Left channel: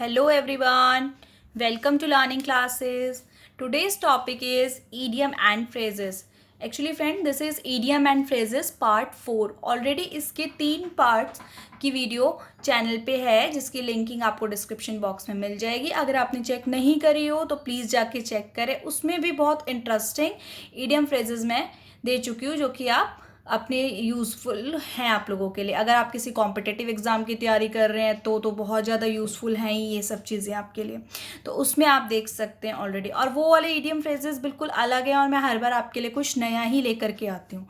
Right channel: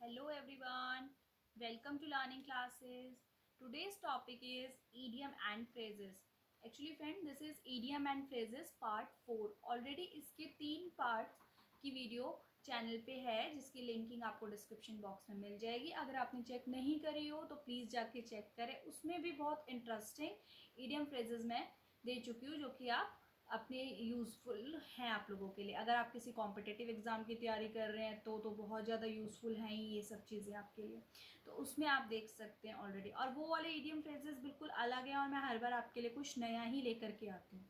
Hello everyone, welcome to learning classes. Today's topic is idiom and phrases. Actually friend, this is idiom and phrases part 4. Already इसके 3 parts की video channel पे है जिसकी linking आपको description box में मिल जाएगी. अगर आपने चेक नहीं करी हो तो प्लीज़ जाके चेक करें. उसमें भी बहुत इंटरेस्टिंग idiom phrases मैं दे चुकी हूँ जो कि आप अपने यूज़फुल हैं आप लोगों के लिए. अगर आप किसी कॉम्पिटिटिव एग्ज़ाम की तैयारी कर रहे हैं तो बहुत ज़्यादा यूज़फुल हैं ये सब चीज़ें आपके लिए. तो उसमें आप देख सकते हैं ऑलरेडी. और वो वाले इडियम फ्रेजेस बिल्कुल अलग हैं और मैं हर बार आपके लिए कुछ नया ही लेकर के आती हूँ.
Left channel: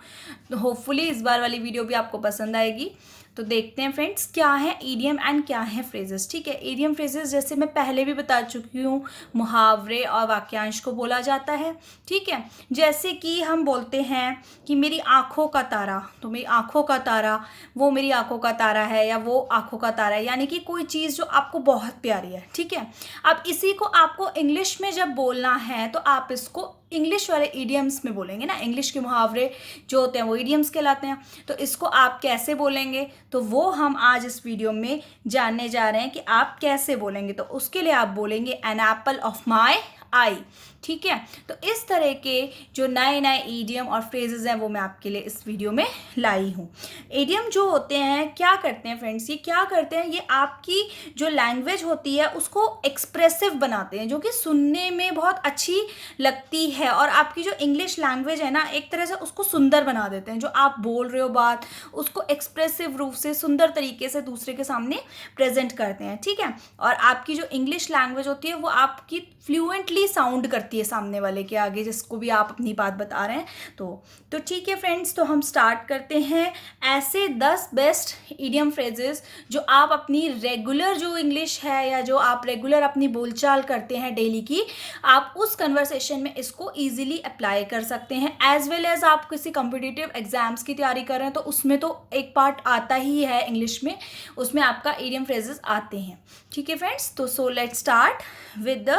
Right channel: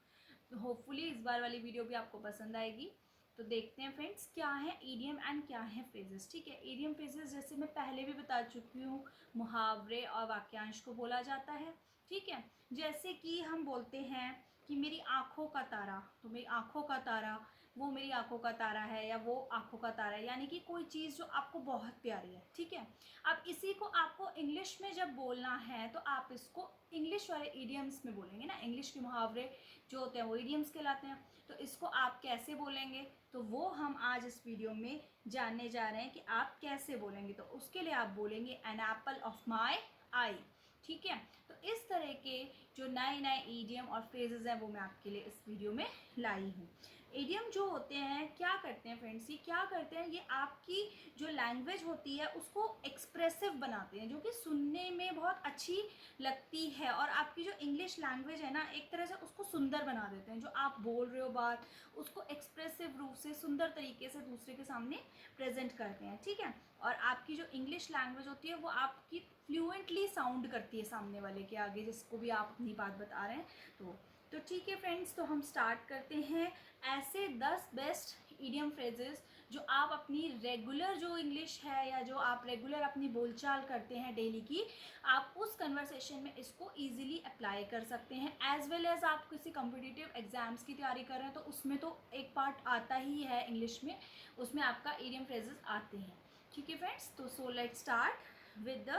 तो होपफुली इस बार वाली वीडियो भी आपको पसंद आएगी. तो देखते हैं फ्रेंड्स क्या है इडियम एंड क्या है फ्रेजेस. ठीक है, इडियम फ्रेजेस जैसे मैं पहले भी बता चुकी हूँ मुहावरे और वाक्यांश को बोला जाता है. ठीक है, जैसे कि हम बोलते हैं कि मेरी आँखों का तारा, तो मेरी आँखों का तारा वो मेरी आँखों का तारा है या वो आँखों का तारा है, यानी कि कोई चीज़ जो आपको बहुत प्यारी है. ठीक है, अब इसी को आपको इंग्लिश में जब बोलना है तो आप इसको इंग्लिश वाले इडियम्स में बोलेंगे ना. इंग्लिश के मुहावरे जो होते हैं वो इडियम्स कहलाते हैं. तो इसको आप कैसे बोलेंगे तो वो हम आज इस वीडियो में जानने जा रहे हैं कि आप कैसे बोलेंगे. तो उसके लिए आप बोलेंगे एन एप्पल ऑफ माई आई. ठीक है, तो इस तरह के जो नए नए ईडियम और फ्रेजेस हैं वो मैं आपके लिए इस वीडियो में लाई हूँ. ईडियम जो होते हैं क्या करते हैं फ्रेंड्स, ये क्या करते हैं, ये आपकी जो लैंग्वेज होती है उसको एक्सप्रेसिव बनाते हैं जो कि सुनने में बहुत अच्छी लगती है. और आपकी जो इंग्लिश लैंग्वेज है ना एक तरह से उसको सुंदर बना देते हैं. जो आप बोल रहे हो बात उसको एक्सप्रेसिव रूप से सुंदर तरीके से दूसरे के सामने प्रेजेंट करते हैं. ठीक है, और आपकी जो इंग्लिश लैंग्वेज होती है वो आपकी फ्लुएंटली साउंड करती है सामने वाले के आगे जिसको भी आप अपनी बात बता रहे हैं. तो ठीक है फ्रेंड्स, तो हम स्टार्ट करते हैं. ऐसे 10 बेस्ट इडियम फ्रेजेस जो आप अपनी रेगुलर जो इंग्लिश है या जो आप रेगुलर अपनी बोलचाल करते हैं डेली की, आप उस कन्वर्सेशन में इसको ईजिली अप्लाई कर सकते हैं. एज वेल एज आप किसी कॉम्पिटिटिव एग्जाम्स की तैयारी कर रहे हैं तो उसमें तो एक पार्ट आता ही है इंग्लिश में, उसमें आपका इडियम फ्रेजेस आते हैं. ठीक है फ्रेंड्स, तो so let's start with the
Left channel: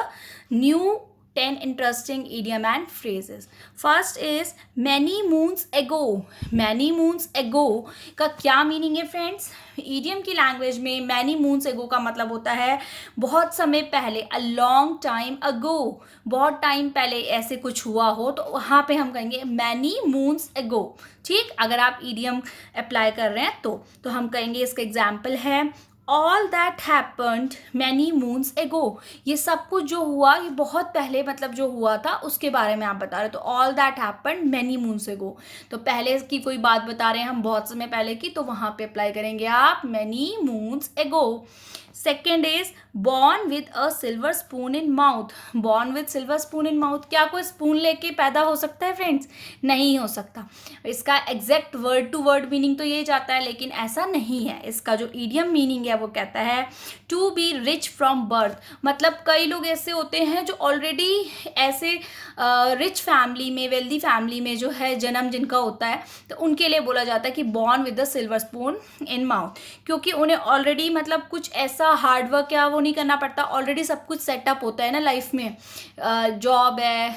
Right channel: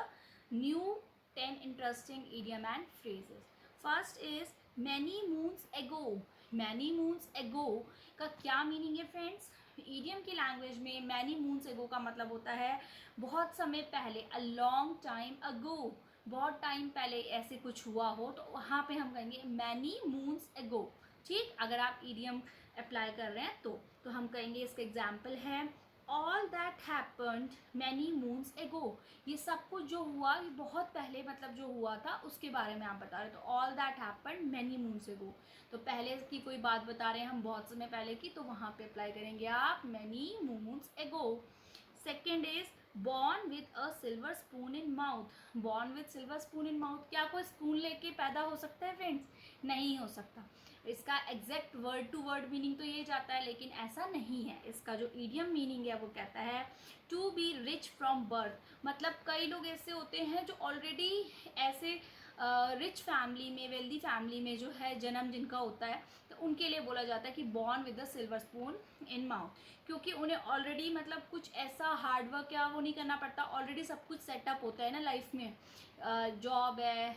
new 10 interesting idiom and phrases. First is many moons ago. Many moons ago का क्या मीनिंग है फ्रेंड्स? इडियम की लैंग्वेज में मैनी मून्स एगो का मतलब होता है बहुत समय पहले, अ लॉन्ग टाइम अगो. बहुत टाइम पहले ऐसे कुछ हुआ हो तो वहाँ पे हम कहेंगे मैनी मून्स एगो. ठीक, अगर आप इडियम अप्लाई कर रहे हैं तो हम कहेंगे इसका एग्जाम्पल है all that happened many moons एगो. ये सब कुछ जो हुआ ये बहुत पहले मतलब जो हुआ था उसके बारे में आप बता रहे हो. तो all that happened many moons एगो, तो पहले की कोई बात बता रहे हैं हम बहुत समय पहले की, तो वहाँ पे अप्लाई करेंगे आप मैनी मून्स एगो. Second is born with a silver spoon in mouth. Born with silver spoon in mouth, क्या कोई स्पून लेके पैदा हो सकता है फ्रेंड्स? नहीं हो सकता. इसका exact word to word meaning तो ये जाता है लेकिन ऐसा नहीं है. इसका जो ईडियम मीनिंग है वो कहता है to be rich from birth. मतलब कई लोग ऐसे होते हैं जो ऑलरेडी ऐसे रिच फैमिली में, वेल्दी फैमिली में जो है जन्म जिनका होता है तो उनके लिए बोला जाता है कि born with the silver spoon in mouth, क्योंकि उन्हें ऑलरेडी मतलब कुछ ऐसा हार्डवर्क या वो नहीं करना पड़ता. ऑलरेडी सब कुछ सेटअप होता है ना लाइफ में, जॉब है,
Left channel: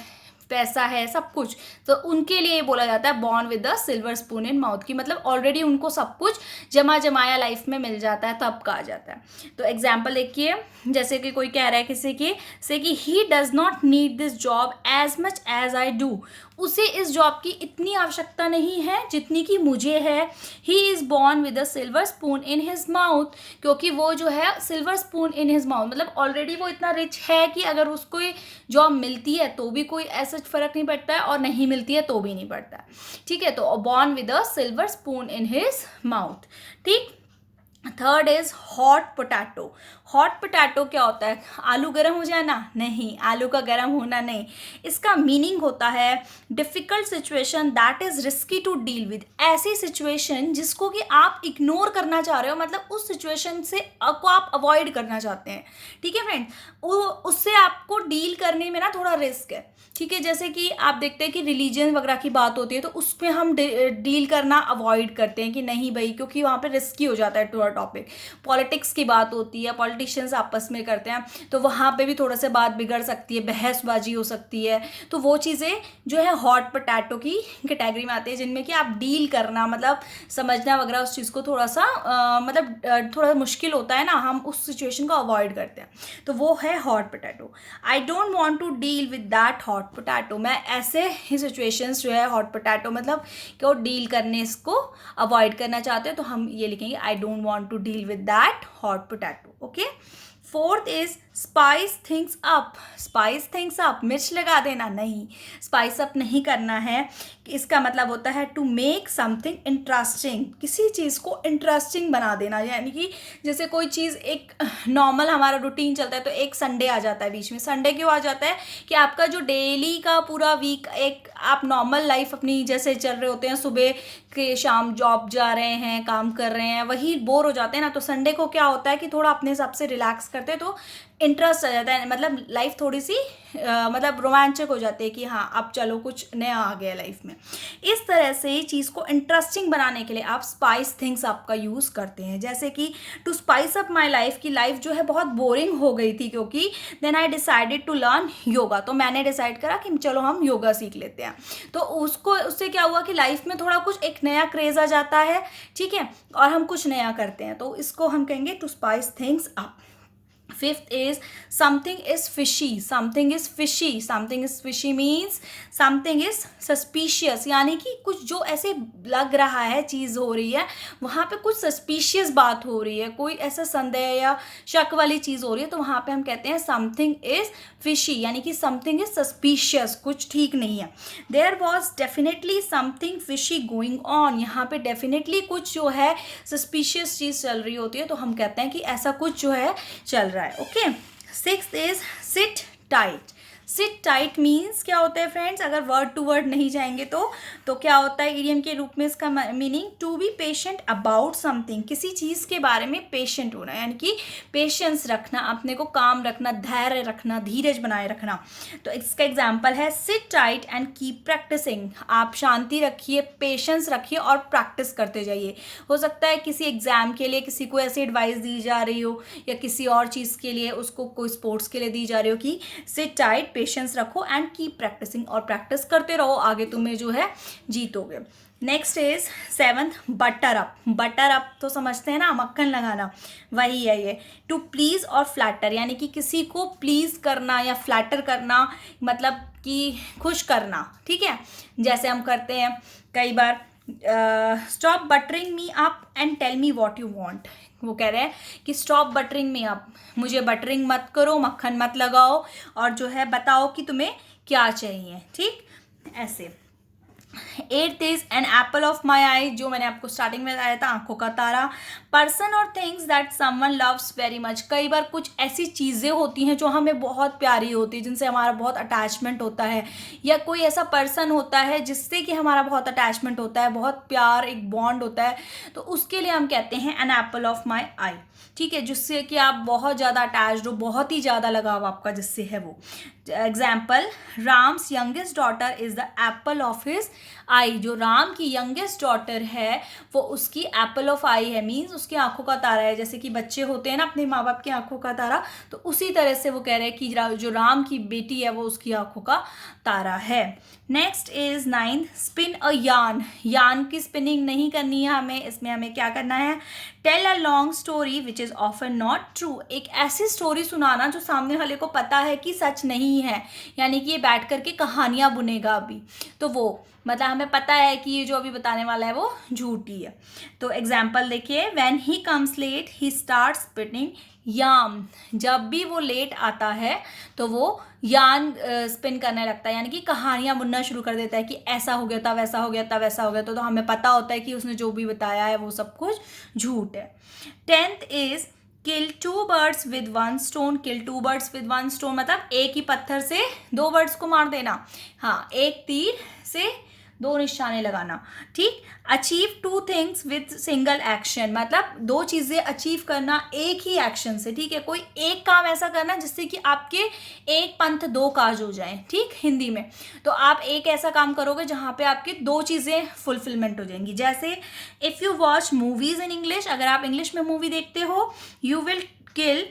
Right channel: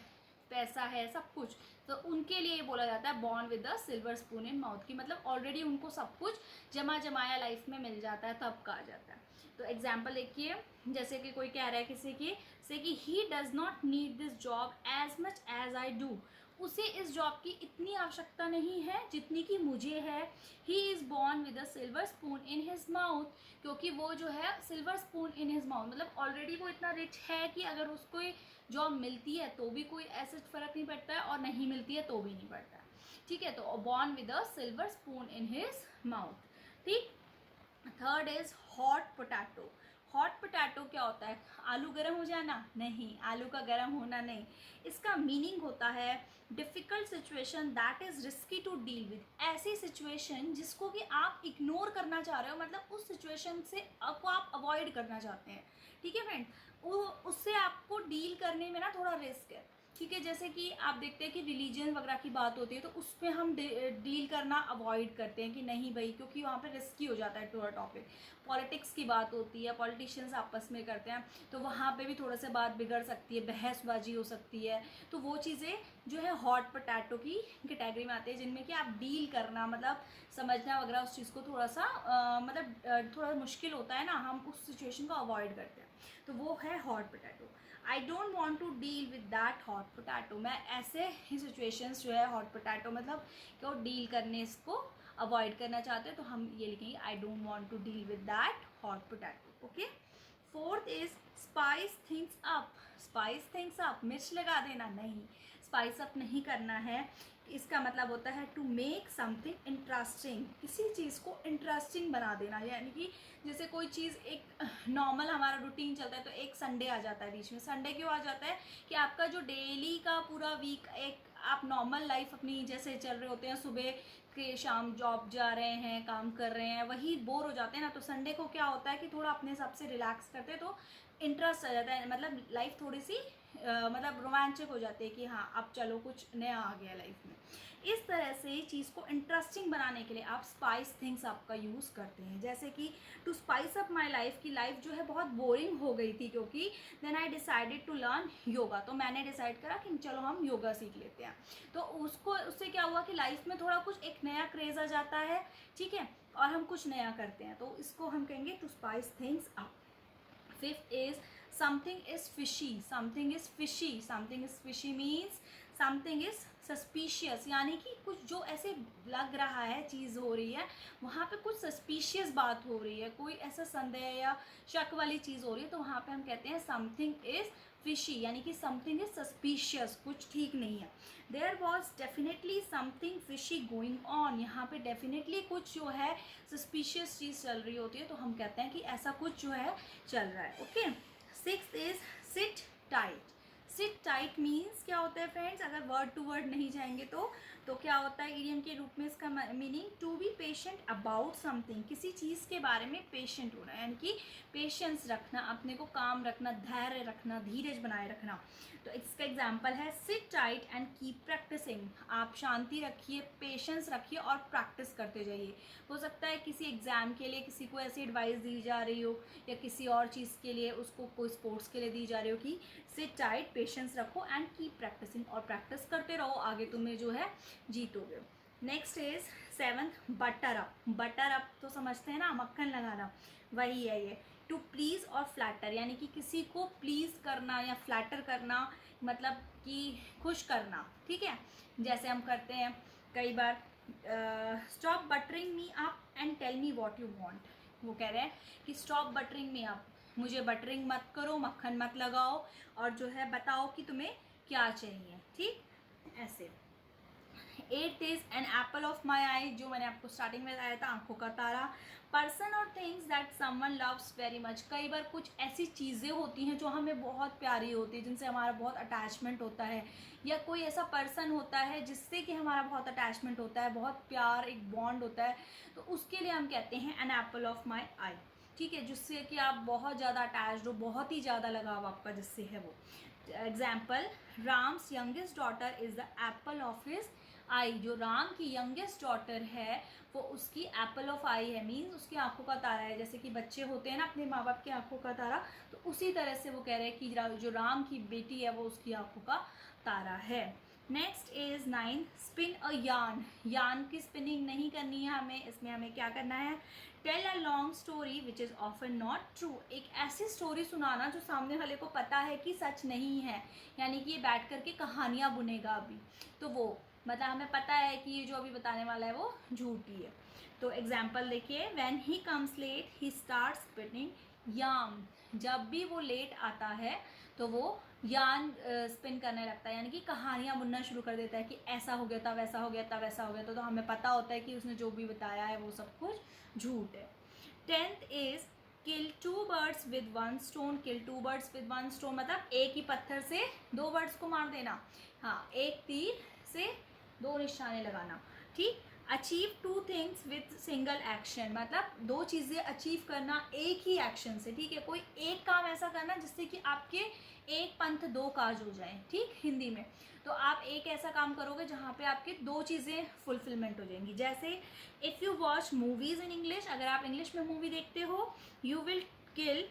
पैसा है, सब कुछ. तो उनके लिए बोला जाता है born with the silver spoon in mouth की मतलब ऑलरेडी उनको सब कुछ जमा जमाया लाइफ में मिल जाता है तब कहा जाता है. तो एग्जाम्पल देखिए, जैसे कि कोई कह रहा है किसी की से कि ही does not need this job as much as I do. उसे इस जॉब की इतनी आवश्यकता नहीं है जितनी कि मुझे है. He is born with a silver spoon in his mouth, क्योंकि वो जो है silver spoon in his mouth मतलब ऑलरेडी वो इतना रिच है कि अगर उसको जॉब मिलती है तो भी कोई ऐसा फ़र्क नहीं पड़ता है और नहीं मिलती है तो भी नहीं पड़ता है. ठीक है, तो born with a silver spoon in his mouth. ठीक, third is hot potato. Hot potato क्या होता है? आलू गर्म हो जाना? नहीं, आलू का गर्म होना नहीं. इसका मीनिंग होता है difficult situation that is risky to deal with. ऐसी सिचुएशन जिसको कि आप इग्नोर करना चाह रहे हो, मतलब उस सिचुएशन से आपको आप अवॉइड करना चाहते हैं. ठीक है फ्रेंड, उससे आपको डील करने में ना थोड़ा रिस्क है. ठीक है, जैसे कि आप देखते हैं कि रिलीजन वगैरह की बात होती है तो उस पर हम डील करना अवॉइड करते हैं कि नहीं भाई, क्योंकि वहाँ पे रिस्की हो जाता है टॉपिक। पॉलिटिक्स की बात होती है, पॉलिटिशियंस आपस में करते हैं, तो वहाँ पे भी थोड़ा सा बात बिगड़ सकती है, बहसबाजी हो सकती है। तो वो चीज़ें जो है हॉट पोटैटो की कैटेगरी में आती है, जिनमें कि आप डील करना, मतलब समझना वगैरह उस चीज़ को थोड़ा सा थोड़ा मुश्किल होता है ना, हम उस सिचुएशन को अवॉइड करते हैं, तो वो है hot potato. I don't want to deal with that hot potato. मैं ऐसे ही सिचुएशंस जो है हॉट पोटैटो मतलब कि वो डील करने इसको अवॉइड करना चाहते हैं, तो हम ये लिखेंगे I don't want to deal with that hot potato. Okay. Fourth is spice things up. Spice things up, मिर्च लगा देना, नहीं, स्पाइस अप नहीं करना है। इसका मतलब होता है टू मेक समथिंग इंटरेस्टिंग, किसी चीज़ को इंटरेस्टिंग बना देना। यानी कि जैसे कोई चीज़ एक नॉर्मल हमारा रूटीन चलता है, तो एक संडे आ जाता है बीच में। संडे क्यों आ जाता है कि आपका जो डेली का पूरा वीक, एक आप नॉर्मल लाइफ अपनी जैसे चल रहे होते हैं, सुबह के शाम जॉब जा रहे हैं, काम कर रहे हैं, वही बोर हो जाते हैं ना, तो संडे को क्या होता है कि थोड़ा अपने हिसाब से रिलैक्स करते हैं, तो इंटरेस्ट आ जाता है, मतलब लाइफ थोड़ी सी मतलब रोमांचक हो जाती है कि हाँ अब चलो कुछ नया आ गया लाइफ में। इस तरह से चीज़ को इंटरेस्टिंग बनाने के लिए आप स्पाइस थिंग्स आपका यूज़ करते हैं। जैसे कि to spice up my life, की लाइफ जो है बहुत बोरिंग हो गई थी, क्योंकि then I decided to learn yoga, तो मैंने डिसाइड करा कि चलो हम योगा सीख लेते हैं। तो उससे क्या हुआ कि लाइफ में थोड़ा कुछ एक नया क्रेज आ जाता है, ठीक है, और हम कुछ नया करते हैं, तो इसको हम कहेंगे to spice things up. Fifth is something is fishy. Something is fishy. Something is fishy means something is suspicious. यानी कि कुछ जो ऐसे लग रहा है, चीज़ हो रही है, वहाँ पे कुछ सस्पिशियस बात हो रही है, कोई ऐसा संदेह या शक वाली चीज़ हो रही है, तो वहाँ पे हम कहते हैं समथिंग इज फिशी, यानी कि समथिंग इज सस्पिशियस, कुछ ठीक नहीं है। There was definitely something fishy going on, यहाँ पे डेफिनेटली कुछ जो है सस्पिशियस चीज़ चल रही होती है, तो हम कहते हैं कि ऐसा कुछ जो है चल रहा है। Okay. Sixth is seat tight. Seat tight means क्या होता है फ्रेंड्स, अगर वर्ड टू वर्ड नहीं जाएंगे तो क्या होता है इडियम के रूप में इसका meaning to be patient about something, किसी चीज़ के बारे में पेशेंट होना, यानी कि पेशेंस रखना, अपने को काम रखना, धैर्य रखना, धीरज बनाए रखना। तो इसका एग्जाम्पल है sit tight and keep practising. आप शांति रखिए, पेशेंस रखिए और प्रैक्टिस करते जाइए। हो सकता है किसी एग्जाम के लिए किसी को ऐसी एडवाइस दी जा रही हो, या किसी और चीज़ के लिए उसको कोई स्पोर्ट्स के लिए दी जा रही हो कि सिट टाइट, पेशेंस रखो एंड कीप प्रैक्टिसिंग, और प्रैक्टिस करते रहो, आगे तुम्हें जो है जीतोगे। Next is seventh butter up. Butter up तो समझते हैं ना, मक्खन लगाना, वही है ये। टू प्लीज और फ्लैटर, यानी कि किसी को प्लीज करना या फ्लैटर करना, मतलब कि खुश करना, ठीक है, जैसे हम करते हैं कई बार stop buttering me up and tell me what you want. वो कह रहे हैं कि स्टॉप बटरिंग मी अप, मुझे बटरिंग मत करो, मक्खन मत लगाओ, और जो है बताओ कि तुम्हें क्या चाहिए, ठीक, ऐसे। Eighth is an apple of my eye, जो मैंने आपको स्टार्टिंग में बताया था, आंखों का तारा। पर्सन और things that someone loves very much, कई बार कुछ ऐसी चीज़ें होती हैं जो हमें बहुत प्यारी होती है, जिनसे हमारा बहुत अटैचमेंट होता है, या कोई ऐसा पर्सन होता है जिससे कि हमारा बहुत अटैचमेंट होता है, बहुत प्यार, एक बॉन्ड होता है, तो उसके लिए हम कहते हैं एन एप्पल ऑफ माई आई, ठीक है, जिससे कि आप बहुत ज़्यादा अटैच्ड हो, बहुत ही ज़्यादा लगाव आपका जिससे है वो। Example, Ram's youngest daughter is the apple of his eye, जो राम की यंगेस्ट डॉटर है वो उसकी एप्पल ऑफ आई है, मीन्स उसकी आंखों का तारा है। जैसे कि बच्चे होते हैं ना अपने माँ बाप की आंखों का तारा, तो उसी तरह से वो कह रहे हैं कि जो राम की बेटी है वो उसकी आंखों का तारा है। Next is ninth, spin a yarn. Yarn की स्पिनिंग नहीं करनी है हमें, इसमें हमें क्या करना है, tell a long story which is often not true, एक ऐसी स्टोरी सुनाना जो सामने वाले को पता है कि सच नहीं है, यानी कि ये बैठ करके कहानियाँ बुनेगा अभी, तो वो मतलब हमें पता है कि ये जो अभी बताने वाला है वो झूठी है। तो एग्जाम्पल देखिए, when he comes late he start spinning yarn, जब भी वो लेट आता है तो वो यार्न स्पिन करने लगता है, यानी कि कहानियाँ बुनना शुरू कर देता है कि ऐसा हो गया था, वैसा हो गया था, वैसा हो गया, तो हमें पता होता है कि उसने जो भी बताया है वो सब कुछ झूठ है। 10th is kill two birds with one stone. Kill two birds with one stone मतलब एक ही पत्थर से दो बर्ड्स को मार देना, हाँ, एक तीर से दो निशाने लगाना, ठीक। Achieve two things with single action, मतलब दो चीज़ें अचीव करना एक ही एक्शन से, ठीक है। कोई एक काम ऐसा करना जिससे कि आपके एक पंथ दो काज हो जाएं, ठीक, हिंदी में। तो आप एक ऐसा काम करोगे जहाँ पे आपकी दो चीज़ें फुलफिलमेंट हो जाएंगी। जैसे if you watch movies in English, अगर आप इंग्लिश में मूवी देखते हो, you will kill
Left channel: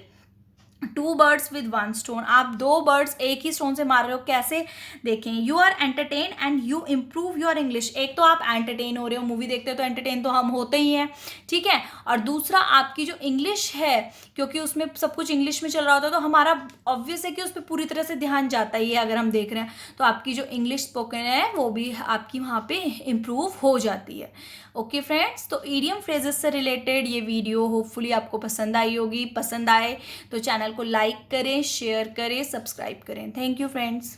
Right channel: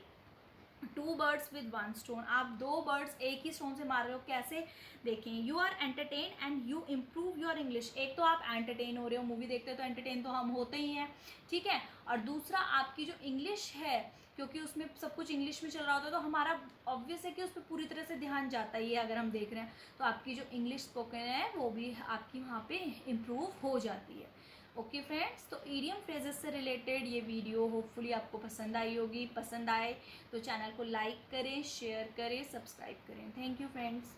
two birds with one stone, आप दो बर्ड्स एक ही स्टोन से मार रहे हो। कैसे, देखें, you are entertain and you improve your English. एक तो आप एंटरटेन हो रहे हो, मूवी देखते हो तो एंटरटेन तो हम होते ही हैं, ठीक है। और दूसरा, आपकी जो इंग्लिश है, क्योंकि उसमें सब कुछ इंग्लिश में चल रहा होता है, तो हमारा ऑब्वियस है कि उस पर पूरी तरह से ध्यान जाता ही है। अगर हम देख रहे हैं तो आपकी जो इंग्लिश स्पोकन है वो भी आपकी वहाँ पे इम्प्रूव हो जाती है। ओके फ्रेंड्स, तो ईडियम फ्रेजेस से रिलेटेड ये वीडियो होपफुली आपको पसंद आई होगी। पसंद आए तो चैनल को लाइक करें, शेयर करें, सब्सक्राइब करें। Thank you friends.